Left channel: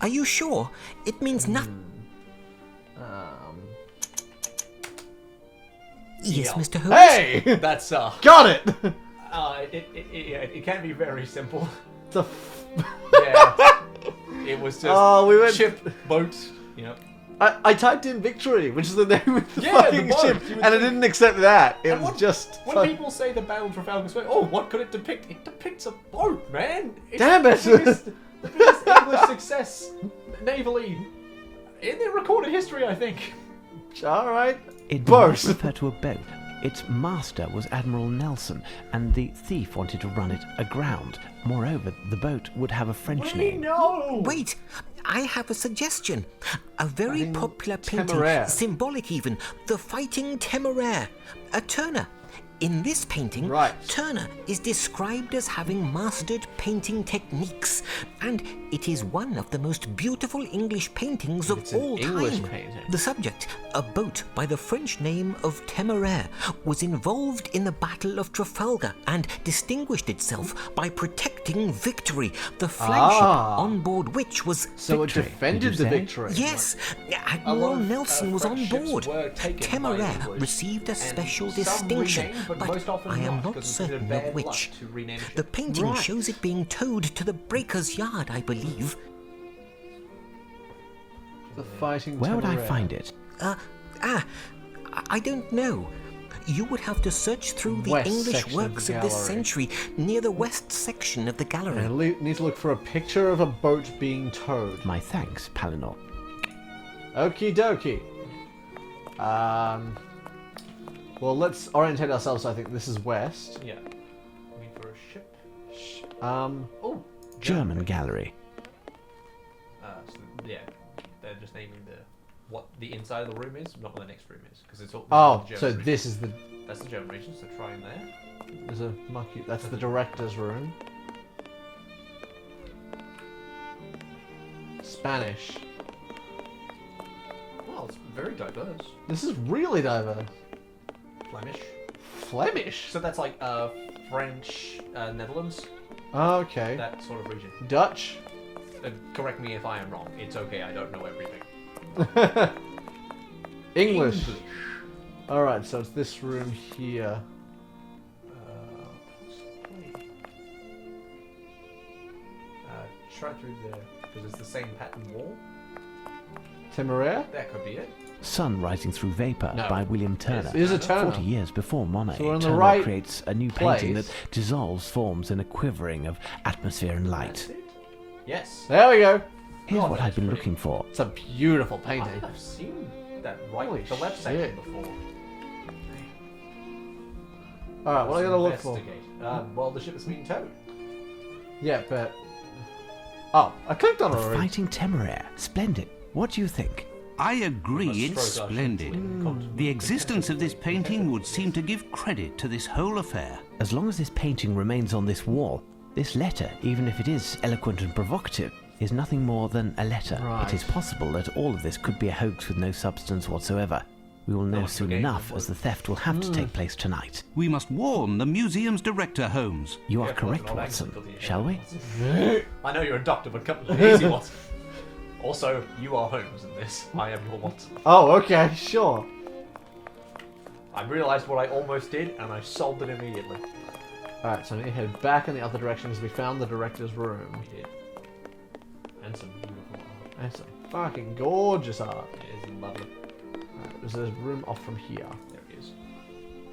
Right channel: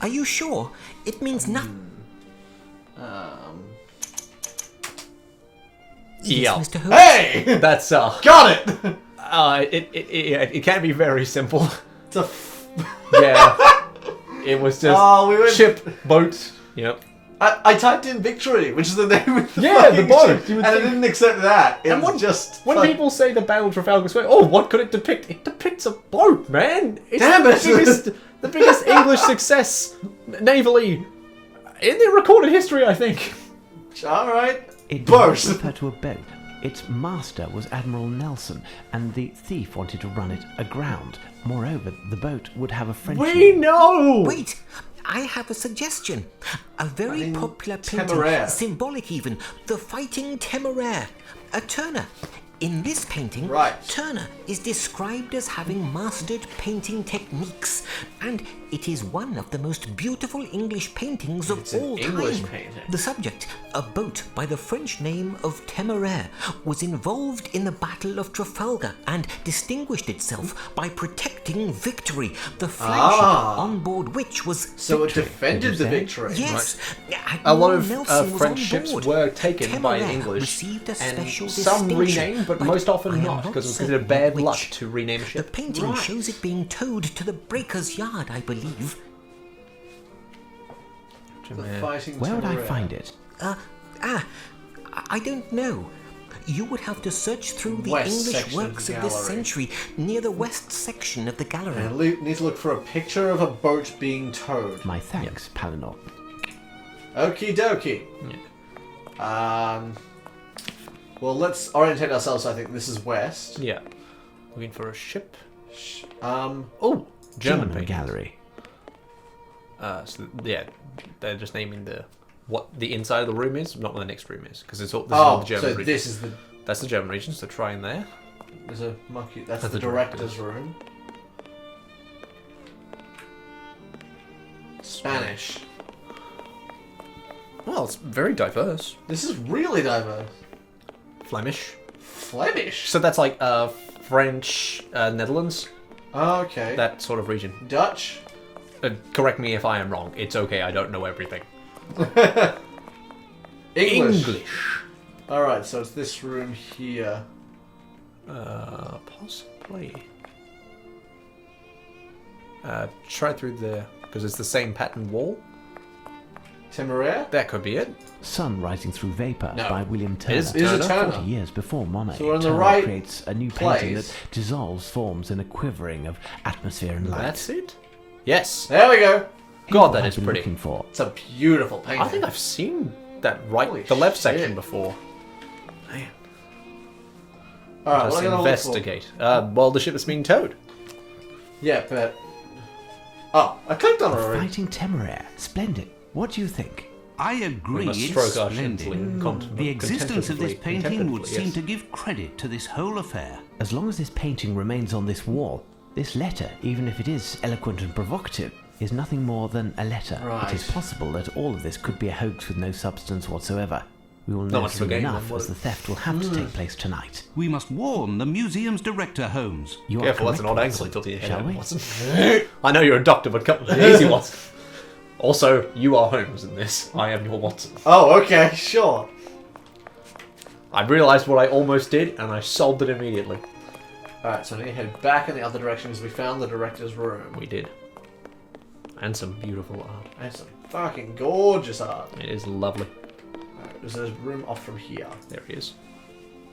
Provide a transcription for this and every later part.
Are you sure? It means nothing. Yes, Mr. Holmes. Hey! That's Got it! it can be very simple. It's a Yeah. It was just we went... ship, boat. Yep. I typed in Victory, which is the name of the Yeah, fucking the boat. ship, You and would it think- didn't accept that. It And was when- just... When people say the Battle of Trafalgar Square, oh, what could it depict? It depicts a boat, man. It's Damn it. the biggest English success navally in the recorded history, I think. Alright. It did Boat. not refer to a boat. Its master was Admiral Nelson, and the thief wanted to run it aground. Moreover, the boat would have a French We name. know. Wait, I have a suggestion. A very popular painting, Temeraire. symbolic even, the Fighting Temeraire, a Turner. In this painting, Right. Turner is described as having mastered painting techniques, and it is one of the most beautiful English paintings of all English time. painting. The subject, a boat by the French name of Temeraire, was involved in the Battle of Trafalgar and distinguished itself by protecting Victory, the flagship on board which was So it Victory. defended Did you the say? Victory. Yes, A lot Admiral of Nelson was on French ships board. were taken by the Temeraire English, received a and special some distinction, renamed, but most often I am not, not because it's certain considered bad of luck which. to rename The ship. painting shows it being towed to the breaker's yard, I believe. The Fighting Where would I Temeraire. find it? I don't know. You would have to search through the West English section works of of the this gallery. century near the west section of the gallery. I need to look for a picture of a boat being towed. My thanks, Palinor. Okie dokie. Well, let's orientate ourselves. I think this is west. Yeah. Looking for a ship. Oh, German painting. gallery. So yeah, they're just naming what the inside of the room is, not what the next room is, because it's all this is oh, all the German so region. this is the. That's the German region. So try in there. There's a monkey. That's the the director's room. Spanish. Well, it's very diverse. This is really diverse. Flemish. Flemish. So that's like French, Netherlands, Okay. that sort of region. Dutch. Correct me if I am wrong. It's okay. I don't know everything. English. All right. So it's this room here. Possibly. Try through there because it's the same pattern wall. Temeraire. That could be it. Sun Rising Through Vapor No. by William Turner. Is a Turner. 40 years before Monet, So we're in the Turner right creates a new painting place. that dissolves forms in a quivering of atmosphere and light. That's it. Yes. There we go. Here's God, what that I've is been pretty. looking for. It's a beautiful painting. I think I've seen that Holy the left shit. section before. Man. All right. Let's What am I gonna look for? investigate. Well, the ship is being towed. Yeah, but. Oh, I clicked on it The already. Fighting Temeraire. Splendid. What do you think? I agree, must it's stroke our splendid. contemplatively- The existence of this contemplatively, painting would yes. seem to give credit to this whole affair. As long as this painting remains on this wall, this letter, even if it is eloquent and provocative, is nothing more than a letter. Right. It is possible that all of this could be a hoax with no substance whatsoever. We will know much soon to gain enough, then, as the theft will have to take place tonight. We must warn the museum's director, Holmes. You are Careful, correct, that's an odd Watson. accent till the end, Shall we? Watson. I know you're a doctor, but come easy, Watson. Also, you are Holmes in this. I am your Watson. Oh, okay, sure. I realised what I almost did, and I solved it immediately. All right, so I need to head back in the other direction because we found the director's room. We did. And some beautiful art. There's some fucking gorgeous art. It is lovely. Alright, there's a room off from here. There he is.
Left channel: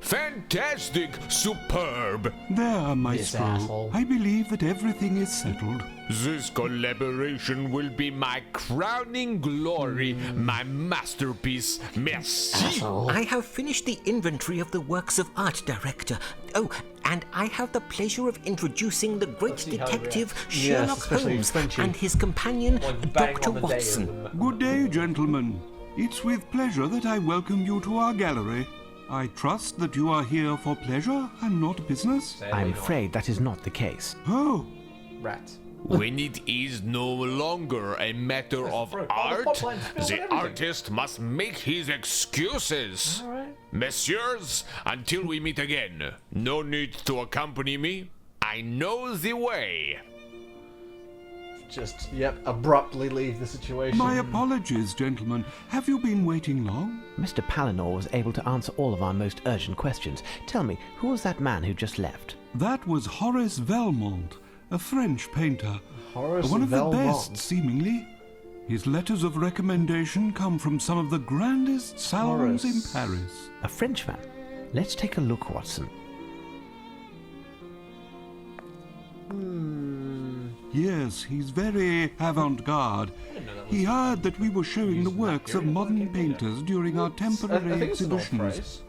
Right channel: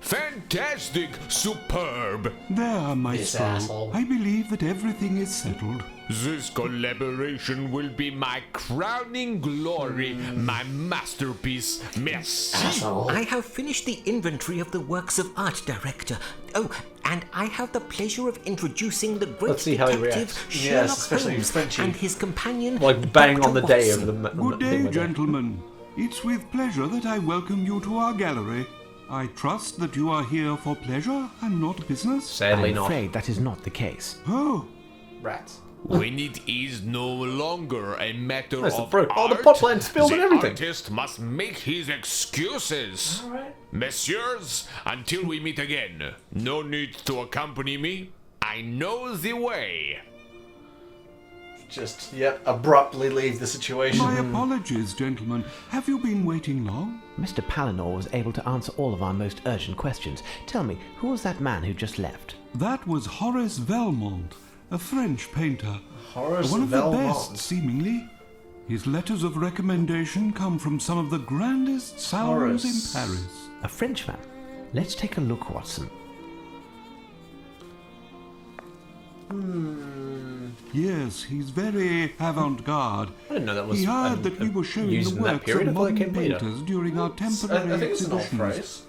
Fantastic! Superb! There, maestro. asshole. I believe that everything is settled. This collaboration will be my crowning glory, my masterpiece. Merci! I have finished the inventory of the works of art, Director. Oh, and I have the pleasure of introducing the great Let's see how he detective reacts. Sherlock especially Holmes Frenchy. and his companion, Like bang Dr. on the Watson. day of the... Good day, gentlemen. It's with pleasure that I welcome you to our gallery. I trust that you are here for pleasure and not business. Sadly I'm not. afraid that is not the case. Oh, Rats. When it is no longer a matter Where's the of fruit? Oh, the art, pot plant spilled and the everything. artist must make his excuses. Messieurs, until we meet again, no need to accompany me. I know the way. just, abruptly leave the situation. My apologies, gentlemen. Have you been waiting long? Mr. Palinor was able to answer all of our most urgent questions. Tell me, who was that man who just left? That was Horace Valmont, a French painter. Horace One of Valmont. the best, seemingly. His letters of recommendation come from some of the grandest salons in Horace. Paris. A Frenchman. Let's take a look, Watson. Yes, he's very avant-garde. I didn't know that was He heard that we were showing used the in that works period. of I thought it modern came later. painters during our I temporary think it's an old exhibitions. phrase.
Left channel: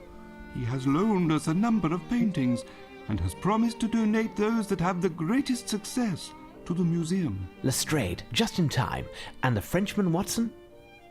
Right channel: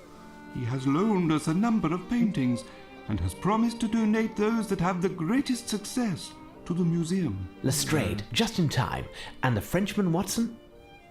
He has loaned us a number of paintings and has promised to donate those that have the greatest success to the museum. Lestrade, just in time. And the Frenchman, Watson?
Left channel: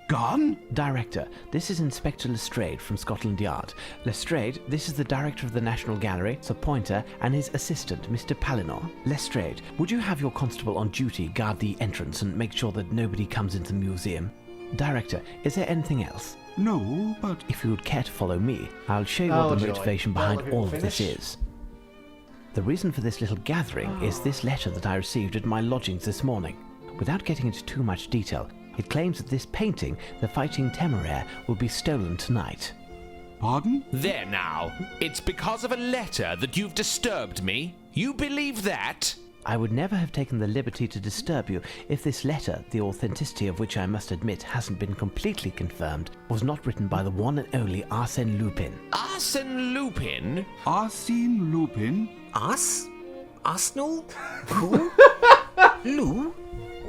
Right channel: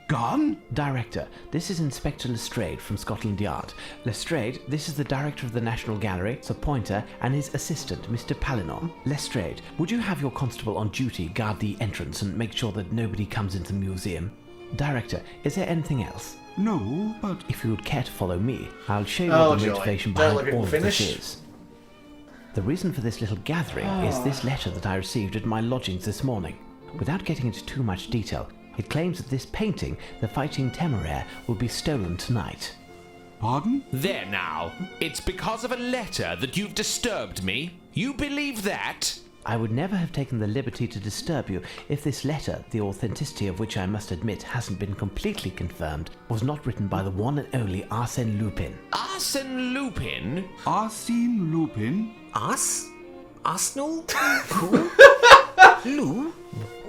Gone? Director, this is Inspector Lestrade from Scotland Yard. Lestrade, this is the Director of the National Gallery, Sir Pointer, and his assistant, Mr. Palinor. Lestrade, would you have your constable on duty guard the entrance and make sure that nobody comes into the museum? Director, is there anything else? No, but If you would care to follow me, I'll show you Oh, what the joy. motivation Don't behind let people all of this finish. is. The reason for this little gathering is this letter that I received at my lodgings this morning. Without getting into too much detail, it claims that this painting, The Fighting Temeraire, will be stolen tonight. pardon? There now. It's because of a letter that you've disturbed me. You believe that? I would never have taken the liberty to disturb you if this letter, the authenticity of which I must admit hasn't been completely confirmed, was not written by the one and only Arsène Lupin. Arsène Lupin? Arsène Lupin? Us? Arsenal? Who? Lou?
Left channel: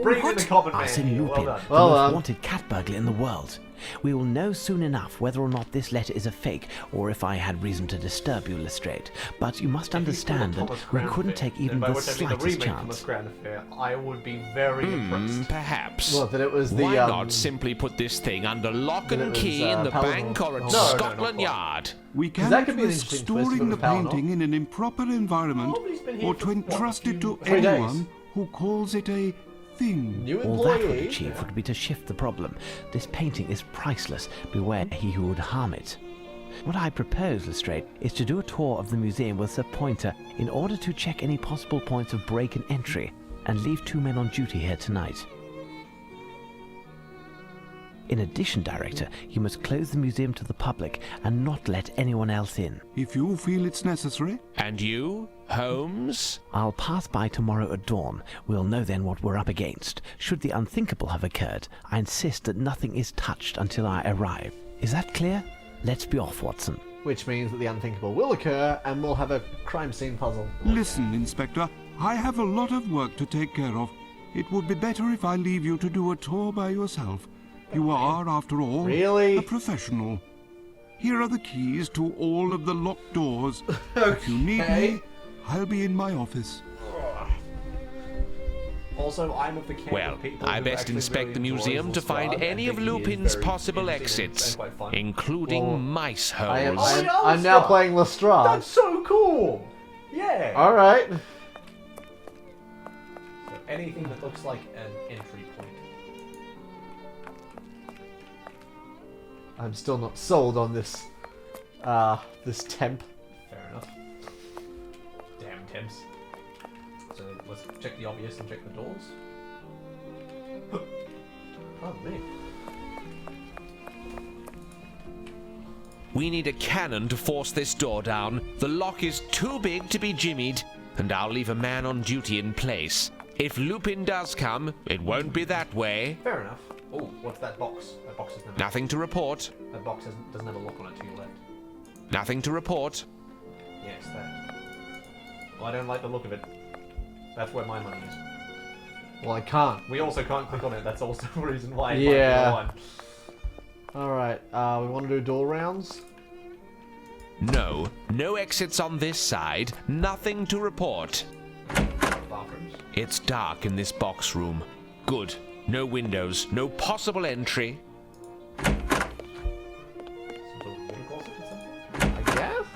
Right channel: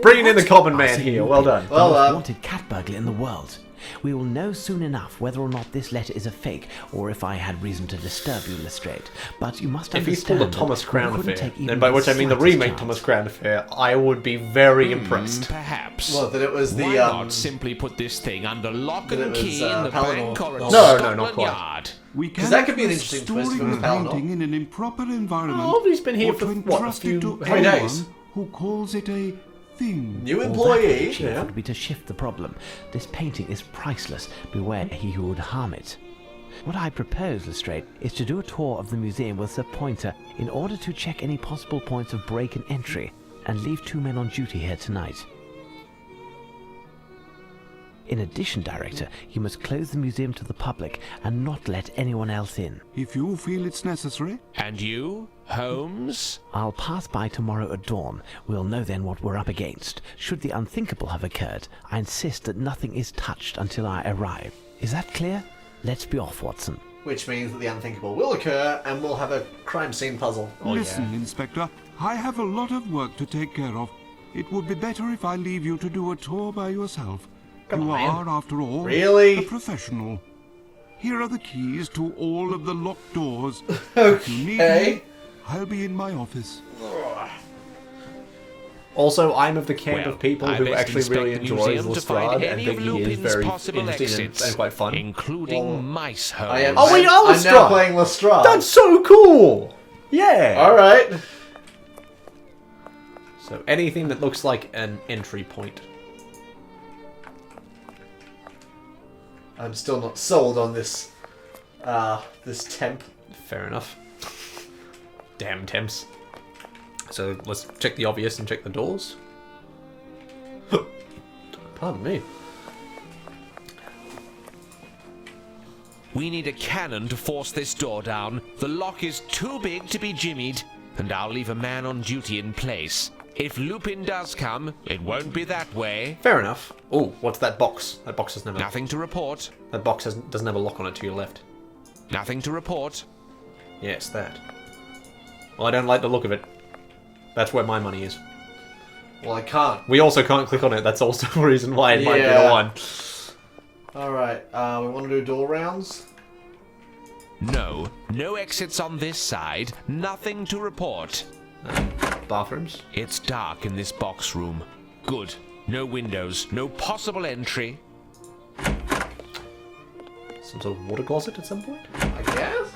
Bringing in the common man Arsène here. Well Lupin, done. the Well most done. wanted cat burglar in the world. We will know soon enough whether or not this letter is a fake, or if I had reason to disturb you, Lestrade. But you must If he's pulled a understand Thomas that we Crown couldn't affair, take even and by the which I mean the slightest remake chance. Thomas Crown affair, I would be very impressed. Perhaps. Well, then it was the, Why not simply put this thing under lock then and it key was, in the Palinor. bank or at No, not Scotland quite. Yard? We that cannot could be an risk interesting twist storing the with Palinor. painting in an improper environment Oh, he's been here or for, to what, a entrust few- it to 3 days. anyone who calls it a thing. New All that would employee. achieve would be to shift the problem. This painting is priceless. Beware he who would harm it. What I propose, Lestrade, is to do a tour of the museum with Sir Pointer in order to check any possible points of break and entry, and leave 2 men on duty here tonight. In addition, Director, you must close the museum to the public and not let anyone else in. If you feel it's necessary. And you, Holmes? I'll pass by tomorrow at dawn. We'll know then what we're up against. Should the unthinkable have occurred, I insist that nothing is touched until I arrive. Is that clear? Let's be off, Watson. Which means that the unthinkable will occur and we'll have a crime scene puzzle. Listen, Inspector, I have a lot of work to take care of. It would be better if I leave you to do a tour by yourself. You are, after all, Really? a professional. Here are the keys to all of the locked doors. If you need Okay. me, I'll be in my office. Also, I'm of the camp Well, of people I who best actually inspect really the enjoys museum to Lestrade find and any of think he is Lupin's very possible interesting exits, and quite fun. including Oh. mice I am, holes. Oh, wait, I'm Lestrade. now playing Lestrade. That's so cool! Yeah! Alright. So anything that looks like an entry point. I'm still not sold on this, this temp. Fair enough. Damn temps. So let's check the obvious and check the doors. Pardon me. We need a cannon to force this door down. The lock is too big to be jimmied, and I'll leave a man on duty in place. If Lupin does come, it won't be that way. Fair enough. Oh, what's that box? That box has never. Nothing to report. That box doesn't have a lock on it to your left. Nothing to report. Yeah, it's that. Well, I don't like the look of it. That's where my money is. Well, I can't. We also can't click on it. That's also a reason why it might be the Yeah. one. Alright, we want to do door rounds? No. No exits on this side. Nothing to report. Bathrooms. It's dark in this box room. Good. No windows. No possible entry. Some sort of water closet at some point? I guess?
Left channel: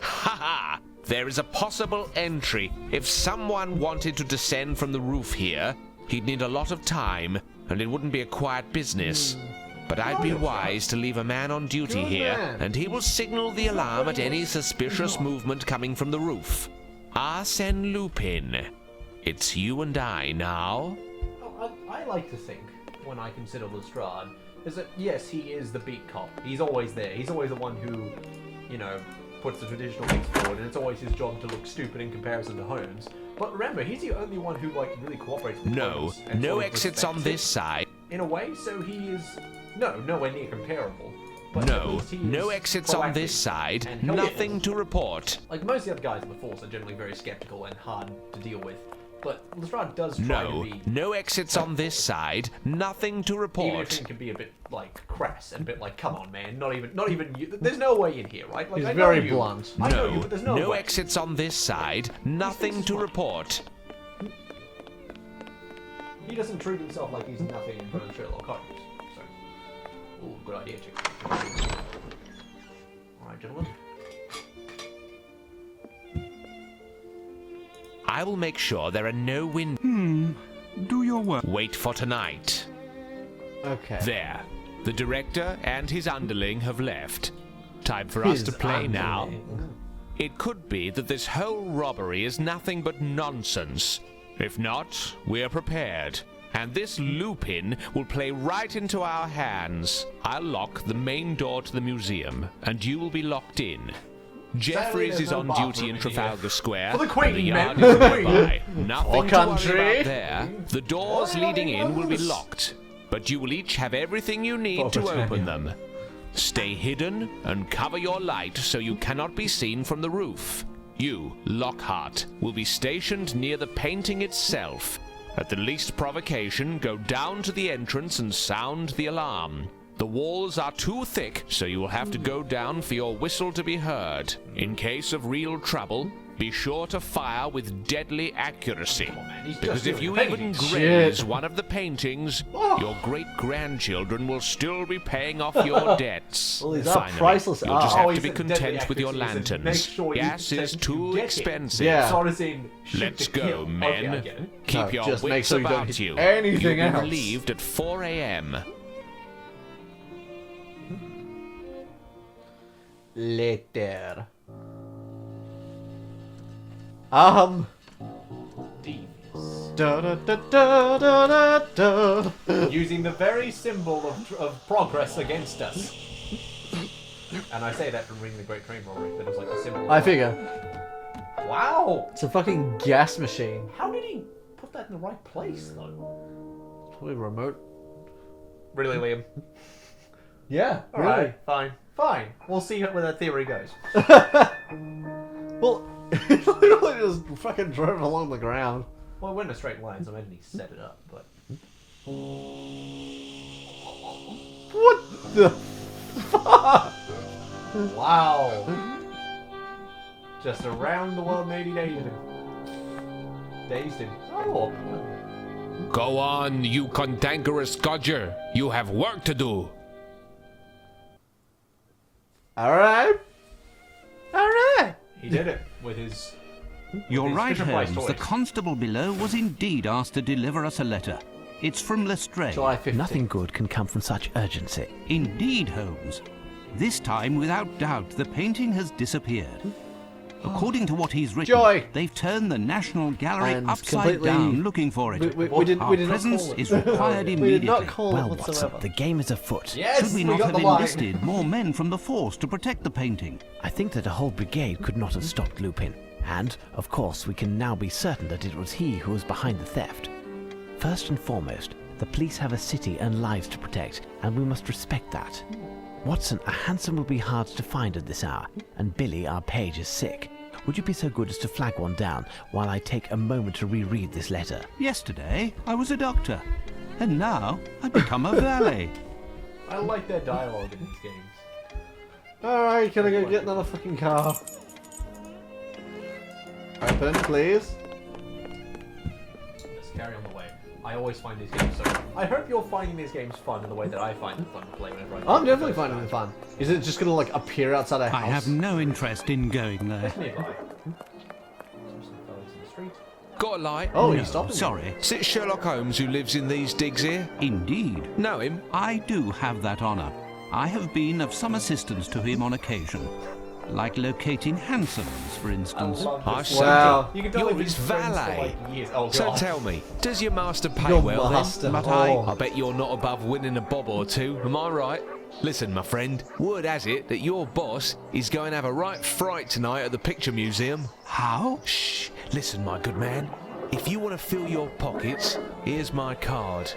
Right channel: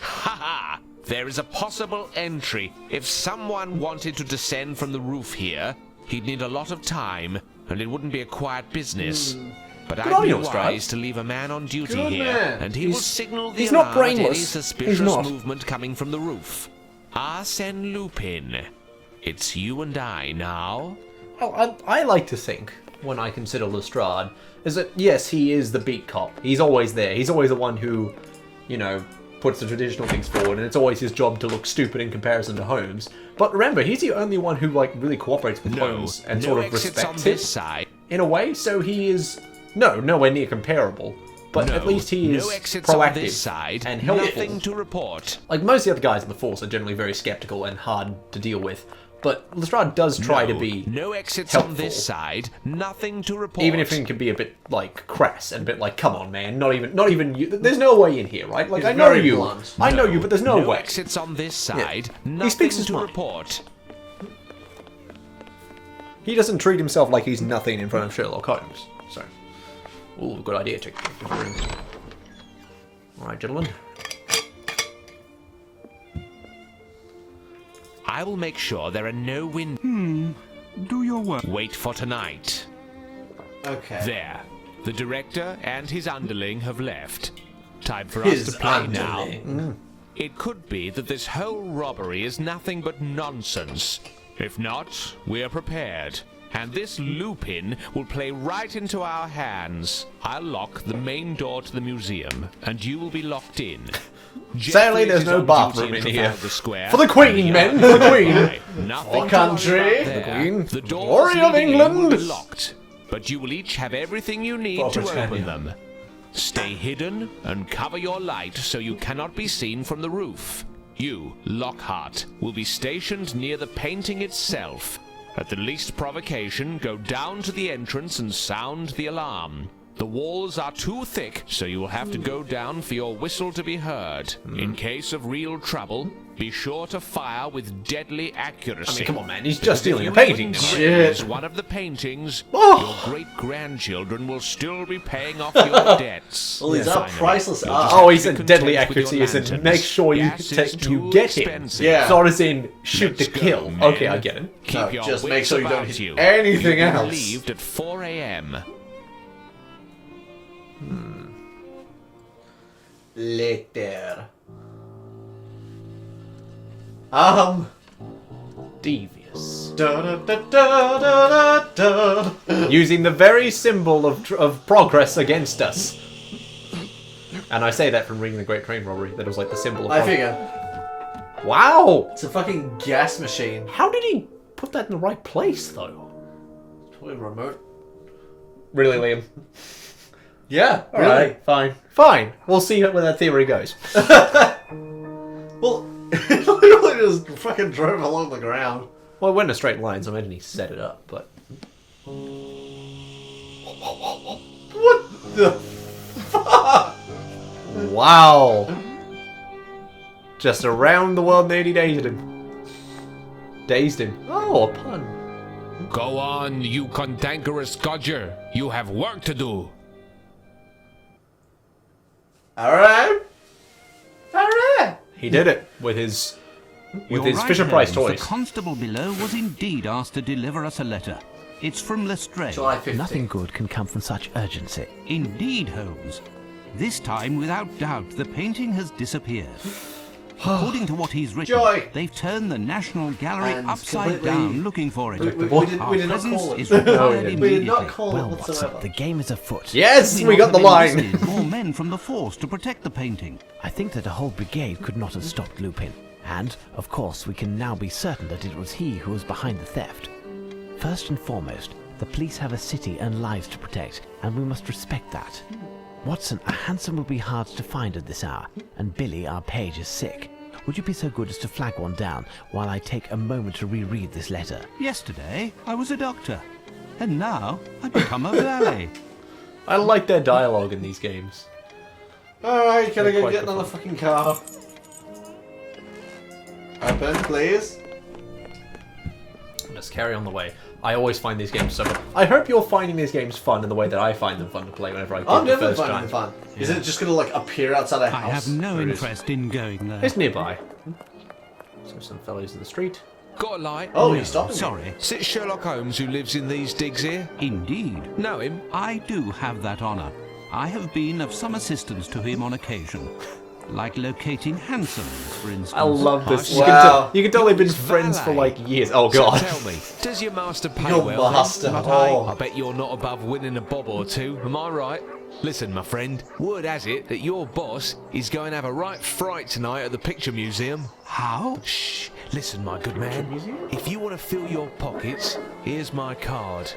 Haha! There is a possible entry. If someone wanted to descend from the roof here, he'd need a lot of time, and it wouldn't be a quiet business. But I'd be on, Lestrade. wise to leave a man on duty Good here, man. and he will He's- signal the he's not alarm at any brainless. He's suspicious not. movement coming from the roof. Arsène Lupin. It's you and I now. Well, I like to think, when I consider Lestrade, is that, yes, he is the beat cop. He's always there. He's always the one who, you know, puts the traditional things forward, and it's always his job to look stupid in comparison to Holmes. But remember, he's the only one who, like, really cooperates with Holmes. And No sort of exits on respects this it. side. In a way, so he is, nowhere near comparable. But at least he is No exits on this proactive side. and helpful. Nothing to report. Like, most of the other guys in the Force are generally very skeptical and hard to deal with. But Lestrade does try to be No exits helpful. on this side. Nothing to report. Even if it can be a bit, like, crass and a bit like, come on, man, not even you. There's no way in here, right? Like, He's I know very you. blunt. I know you, but there's no way. exits on this side. He Nothing speaks his to mind. report. He doesn't treat himself like he's nothing in front of Sherlock Holmes. So, ooh, good idea, chick. Alright, gentlemen. I will make sure there are no windows. Do your work. Wait for tonight. Okay. There. The director and his underling have left. Time for us to play now. It could be that this whole robbery is nothing but nonsense. If not, we're prepared. And this Lupin will play right into our hands. I'll lock the main door to the museum, and you will be locked in. Sadly, Jeffries there's is no on bathroom duty in in here. Trafalgar Square. For the Queen, and men, yard for is the Queen. nearby. Nothing For to worry country, about the there. Queen. The doors Glory of leading in will be England. locked, but you will each have everything you need Oh, to Britannia. open them. Stay hidden and cover your light so you cannot be seen from the roof. You, Lockhart, will be stationed near the painting itself. At the least provocation, go down to the entrance and sound the alarm. The walls are too thick, so you will have to go down for your whistle to be heard. In case of real trouble, be sure to fire with deadly accuracy. Come on, man, he's Because just if doing you a even painting. graze Shit. one of the paintings, Oh. your great-grandchildren will still be paying off your debts. Well, these are priceless you'll just art. have Oh, to he be said content deadly with your accuracy. He said, lanterns. make sure you, Gas is take, too you get expensive. him. Yeah. So as in, shoot Let's to go, kill. men. Okay, I get it. Keep No, your just make wits sure you don't about hit you. anything You'll be else. relieved at 4 a.m. Later. Devious. Da, da, da, da, da, da, da. Using the very symbol of progress against us. And I say that from reading The Great Train Robbery. That was like the symbol of I progress. figure. Wow! It's a fucking gas machine. How did he put that in the right place, though? Probably remote. Really, Liam? Yeah, Alright, fine. Fine. We'll see where that theory goes. Well, it literally just fucking drove along the ground. Well, it went in a straight line, so I imagine he set it up, but... What the fuck? Wow! Just around the world nearly dazed him. Dazed him. Oh, a pun. Go on, you cantankerous codger. You have work to do. Alright. Alright. He did it with his You're right, Fisher Price Holmes. The toys. constable below was indeed asked to deliver us a letter. It's from Lestrade. July 15th. Nothing good can come from such urgency. Indeed, Holmes. This time, without doubt, the painting has disappeared. According to what he's written, Joy. they've turned the National Gallery And upside completely- down looking for it. Our we did not presence call it. is required We did not immediately. call Well, it Watson, whatsoever. the game is afoot. Yes, Should we not got the have line. enlisted more men from the force to protect the painting? I think that a whole brigade could not have stopped Lupin. And, of course, we can now be certain that it was he who was behind the theft. First and foremost, the police have a city and lives to protect, and we must respect that. Watson, a hansom will be hard to find at this hour, and Billy, our page, is sick. Would you be so good as to flag one down while I take a moment to reread this letter? Yesterday, I was a doctor. And now, I've become a valet. I like their dialogue in these games. Alright, can I go Quite get another fucking car? Open, please. Let's carry on the way. I always find these games so... I hope you're finding these games fun in the way that I find them fun to play whenever I play I'm them the definitely first finding time. fun. Is it just gonna like appear outside a house? I have no interest in going there. It's nearby. So some fellows in the street. Got a light? Oh, No, you stopped. sorry. Is it Sherlock Holmes who lives in these digs here? Indeed. Know him? I do have that honour. I have been of some assistance to him on occasion. like locating hansoms, for instance. I love this. Wow. You can tell they've been friends for like years. Oh god. So tell me, does your master pay Your well master, then? But oh. I bet you're not above winning a bob or two, am I right? Listen, my friend, word has it that your boss is going to have a right fright tonight at the Picture Museum. How? Shh, listen, my good man. If you want to fill your pockets, here's my card.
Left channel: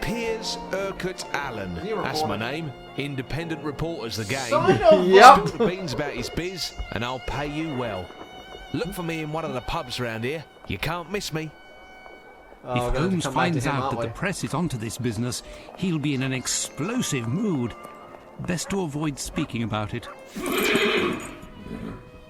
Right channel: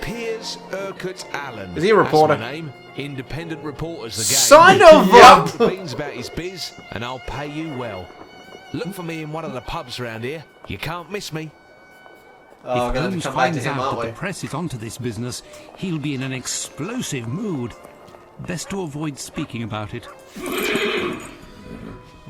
Piers Urquhart Allen. Is he a reporter? That's my name. Independent reporter's the game. Sign of Yep. The beans about his biz, and I'll pay you well. Look for me in one of the pubs round here. You can't miss me. Oh, If we're gonna have to Holmes come back to finds him, out aren't that the we? press is onto this business, he'll be in an explosive mood. Best to avoid speaking about it.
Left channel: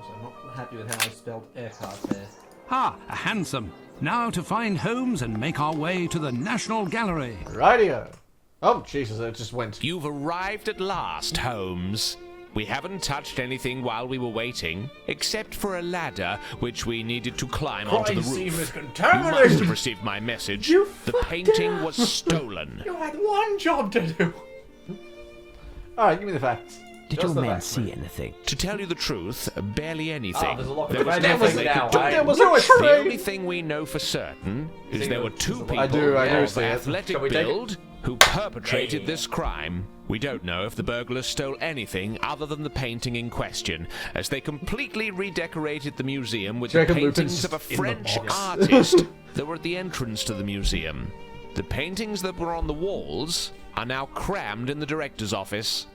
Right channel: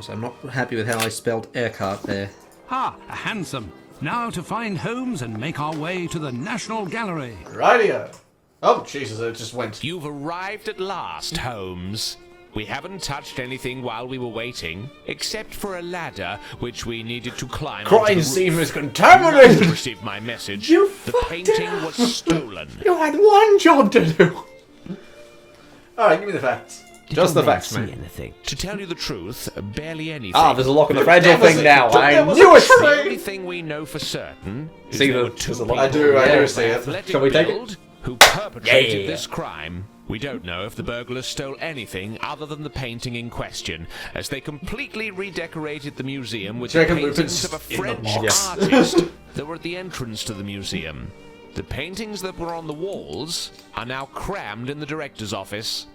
So I'm not happy with how I spelled Urquhart there. Ah, a hansom. Now to find Holmes and make our way to the National Gallery. Rightio. Oh, Jesus, it just went. You've arrived at last, Holmes. We haven't touched anything while we were waiting, except for a ladder which we needed to climb onto Crime the scene roof. was You must contaminated. have received my message. You The painting was stolen. You had one job to do. Alright, give me the facts. Did Just your the men facts, see man. anything? To tell you the truth, barely anything. Ah, there's a lock of the There was fragile nothing. thing now. There I was knew a it. train. The only thing we know for certain is See, there were there's two a people lot- I do of see it. athletic Shall we take it? build who perpetrated Yeah. this crime. We don't know if the burglars stole anything other than the painting in question, as they completely redecorated the museum with the Dragon paintings Lupin's of a in the French box. artist that were at the entrance to the museum. The paintings that were on the walls are now crammed in the director's office.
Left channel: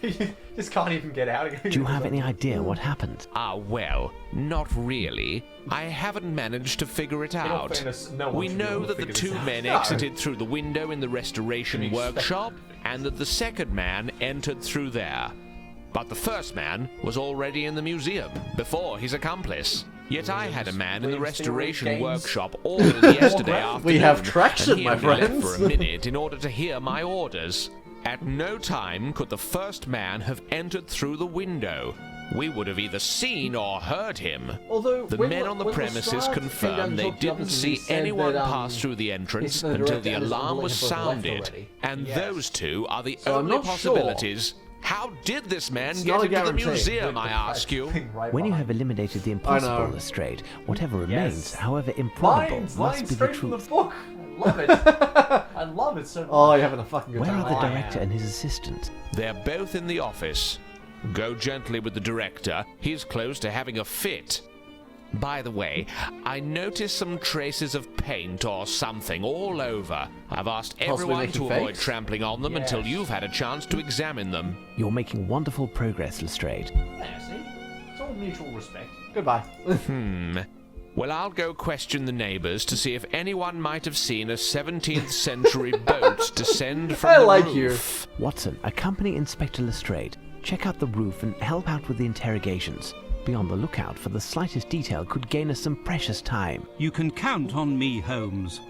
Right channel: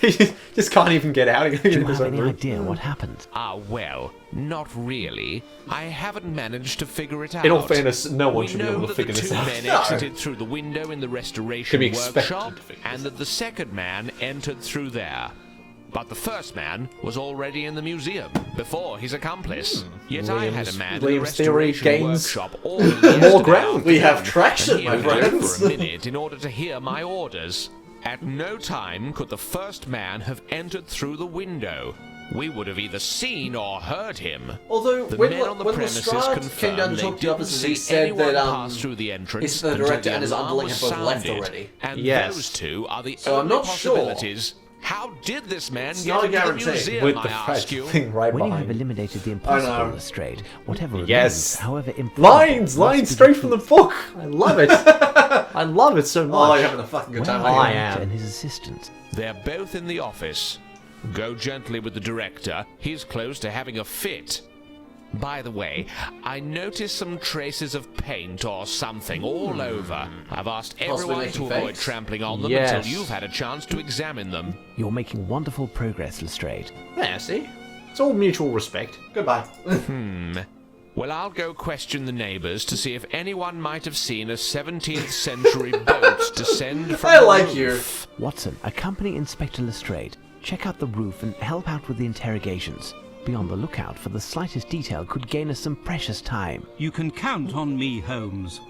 He just can't even get out. Do you have any idea what happened? Ah, well, not really. I haven't managed to figure it out. In all fairness, no one We should be know able to that the figure this two out. men No. exited through the window in the restoration Can be expected workshop, to figure and that the second man entered through there. But the first man was already in the museum before his accomplice. Yet I had a man in the William's theory restoration gains workshop all yesterday ground. afternoon, We have traction, and he my only left friends. for a minute in order to hear my orders. At no time could the first man have entered through the window. We would have either seen or heard him. Although, The when men on the when premises Lestrade came down confirmed and they talked to didn't us, he see said anyone that, pass through the entrance his until director the and his alarm uncle was have both left sounded. already. And Yes. those two are the So I'm only not sure. possibilities. How did this man It's get not a into the guarantee. museum, With I the ask you? thing right When you behind. have eliminated the impossible, know. Lestrade, whatever remains, Yes. however improbable, Lines must be straight from the truth. book. I love it. I love it so Oh, much. you're having a fucking good Where time. are the I director am. and his assistant? They're both in the office. Go gently with the director. He's close to having a fit. By the way, I noticed some traces of paint or something all over. I've asked everyone to making avoid fakes. trampling on them Yes. until you've had a chance to examine them. You're making wonderful progress, Lestrade. Yeah, see? It's all mutual respect. Goodbye. Well, I'll go question the neighbors to see if anyone might have seen a 17th century boat descend from I the like roof. Watson, accompany Inspector Lestrade. Check out the roof and help out with the interrogations. Be on the lookout for the slightest detail could gain us some precious time. You can count on me, Holmes.